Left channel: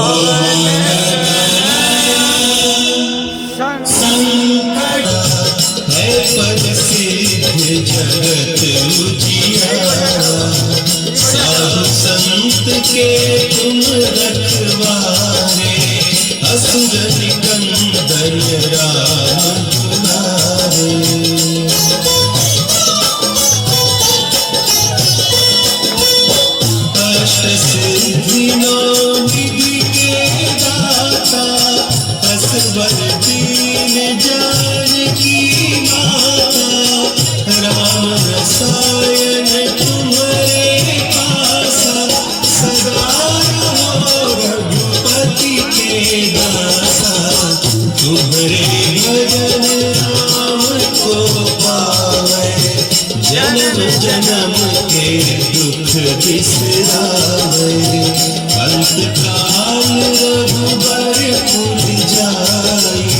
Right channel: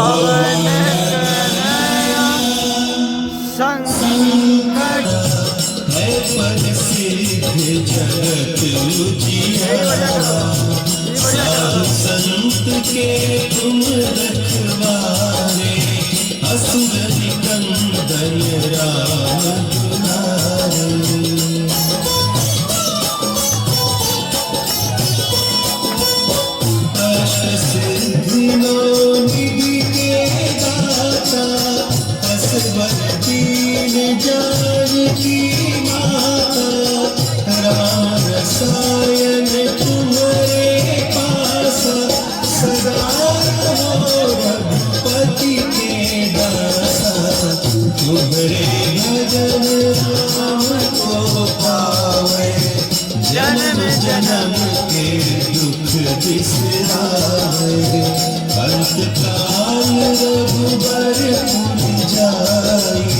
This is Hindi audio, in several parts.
पवन तनया संकट है पद सिद्ध जगत उजियारा। साधु संत के तुम रखवारे, असुर निकंदन राम दुलारे। अष्ट सिद्धि नौ निधि के दाता, असवर दीन जानकी माता। राम रसायन तुम्हारे पासा, सदा रहो रघुपति के दासा। तुम्हारे भजन राम को पावे, जन्म जन्म के दुख बिसरावे। अंत काल रघुबर पुर जाई,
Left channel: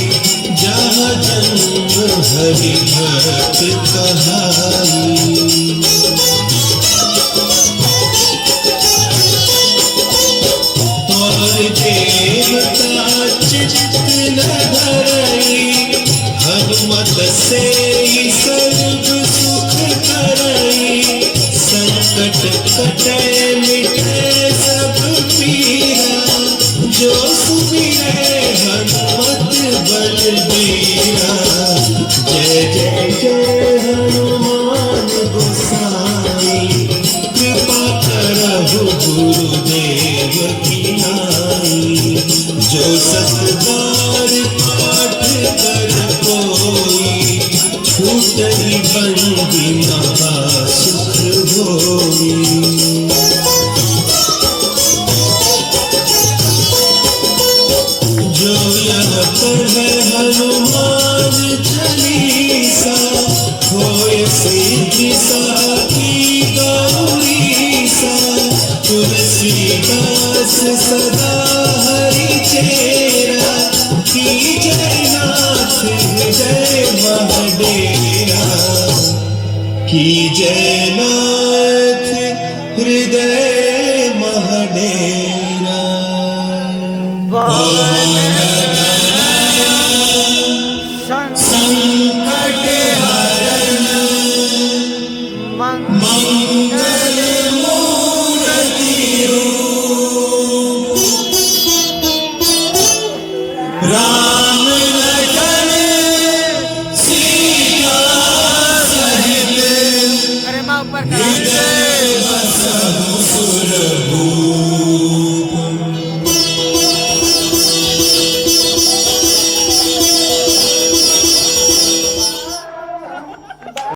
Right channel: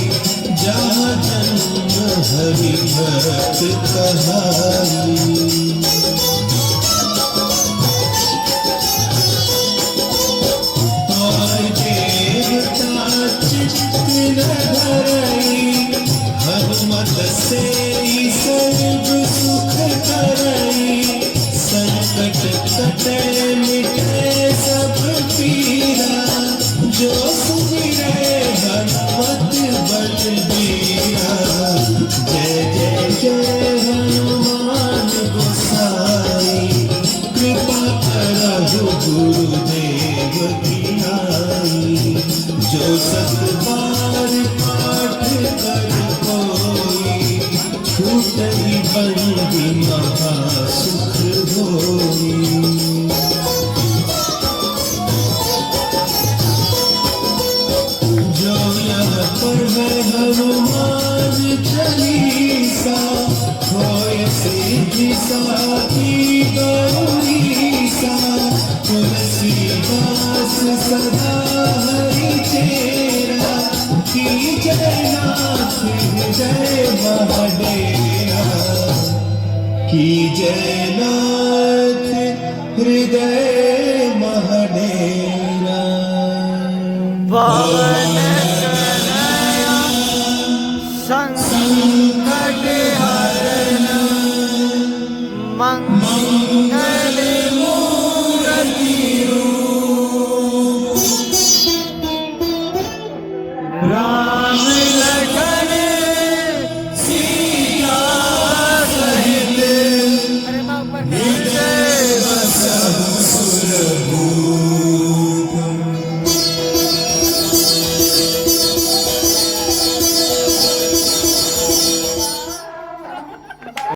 जहाँ जन्म हरि भक्त कहाई। और देवता चित्त न धरई, भगवत से सर्व सुख करई। संकट कटे मिटे सब पीरा, जो सुमिरै हनुमत बलबीरा। जय जय जय हनुमान गोसाई, कृपा करहु गुरुदेव की नाई। जो सत बार पाठ कर कोई, छूटहि बंदी महा सुख होई। जो यह पढ़े हनुमान चालीसा, होय सिद्धि साखी गौरीसा। तुलसीदास सदा हरि चेरा, कीजय नाथ हृदय महडेरा। कीजय नाथ हृदय महडेरा। पवन तनया संकट